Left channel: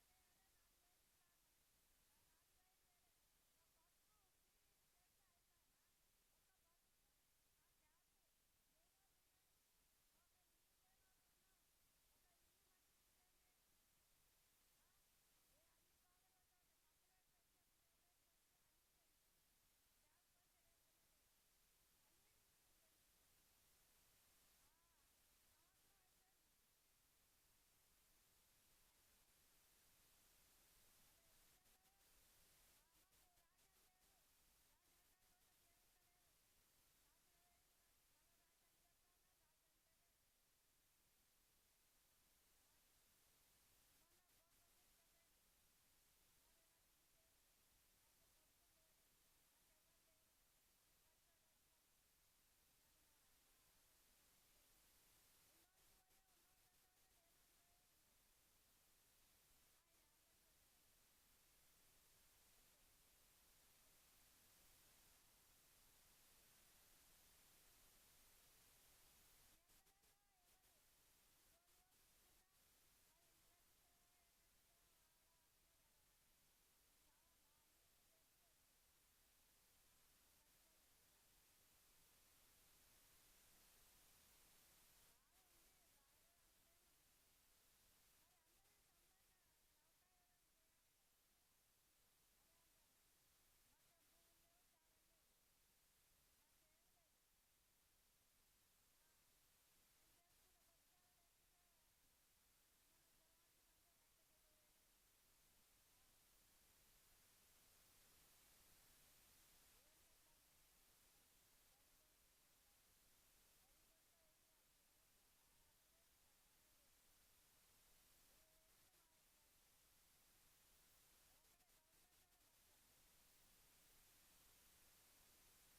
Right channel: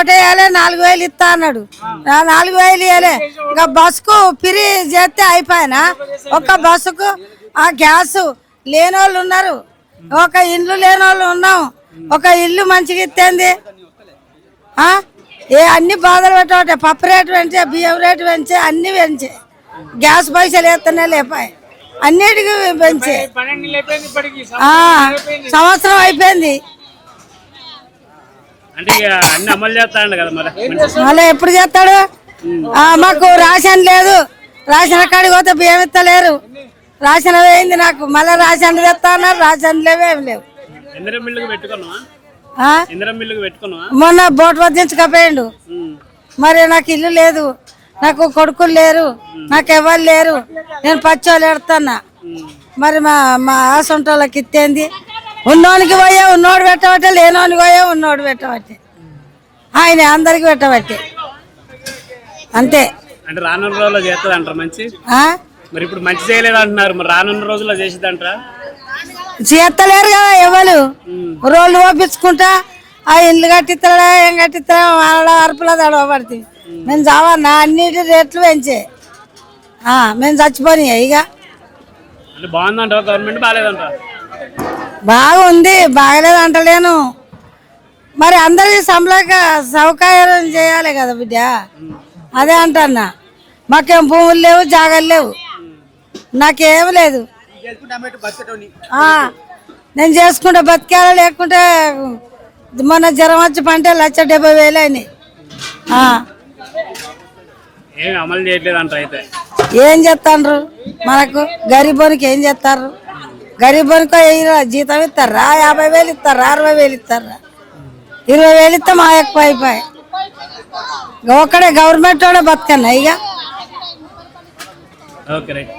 ఓటేయాలి నాలుగు వేలు ఇస్తా అన్నాడు. ఆ నాలుగు వేలు ఇవ్వలే ఇంకా బస్సుకు పిరి చేస్తే అయిపోయినా. ఒక్క బస్సుకు ఆ గ్యాస్ లేని వాళ్ళు ఉన్నారు. ఒక ఇల్లు లేని వాళ్ళు ఉన్నాం. ఒక ఇల్లు మంచిగా ఇస్తుంది? ఏ అన్ని బాధలు పెట్టే పప్పు రేటు పెంచే బియ్యం రేటు పెంచే అన్ని పెంచే. గ్యాస్ పైసలు వేస్తూనే లేపాయి. అన్నిటికీ పెంచే. ఆ, సంవత్సరం అయిపోయింది. అంటే ఇక అన్ని అమలు చేస్తాడు కదా మరి. మళ్ళీ ఎప్పుడు చేస్తాడు? ఆ, మాకు రాషన్ లేదు. రాషన్ కాడికి పోతే బియ్యం ఇస్తలేరు. రాషన్ వేయింది నాకు. మళ్ళీ రాషన్ తెస్తా అన్నారు. రాషన్ లేవు ఏం లేవు. మొన్న బోట్ వద్దించకపోయిండు ఉమ్. మరి నాకు ఇల్లు లేదు. నాకు కొడుకులు లేరు. నాకు ఎవరు లేరు. నేను పచ్చోళ్ళు ఎడుతున్నా. మరి మా మా ఆసంటోళ్ళకి ఇత్తేంది? ఉన్నోనికి పోయా ఉన్నోడు పెట్టబట్టే లేనోనికి పోయా ఉన్నోడు పెట్టబట్టే. ఆయన అందరికి పెట్టబట్టే. అంతే. అంటే రానున్న రోజుల్లో చేస్తుంది అంటారు మంచి? మరి ఇప్పుడు మంచి చేయలేదు అంటున్నారు మరి రానున్న రోజుల్లో చేసిద్దంటారా? చేస్తలేరు కదా ఎవరు? రోడ్లు పంపించుకుంటా ఆ ఇల్లు కట్టిస్తాడా ఏం కట్టిస్తాడా వాళ్ళ అరుపులో తడవబడుతుంది మేము చావన్నా అన్నిటి రేట్లు పెంచే. మేము చచ్చిపోయి ఇక. అంటే బాగుందంటారా గవర్నమెంట్ బాగుంది బాగలేదు అంటలేను మరి అందరికి సంబళక సౌకర్యం చేయాలి కదా బిడ్డ. అదే అంటన్నా. మాకేం భూములు లేవు జాగాలు లేవు. నాకేం లేదు. నేను చేసుకుంటే బతికేలా లేకుంటే మొన్న జ్వరం వచ్చి పంటే లక్ష డెబ్బై వేలు అయినాయి. అయితే? ఏం చేస్తాండ్రు? మనకు గరీబోనికి ఏం చేస్తారు గరీబ్ అనుకో జీతం ఇస్తారా? యాభై వేలు ఇస్తారా? అరవై వేలు ఇస్తారా? ఇరవై వేలు ఇస్తే మా ఎక్కువ అయిపోయి ఒక్కడే గవర్నమెంట్ వాడే బతకన్నా ఇక. Okay right.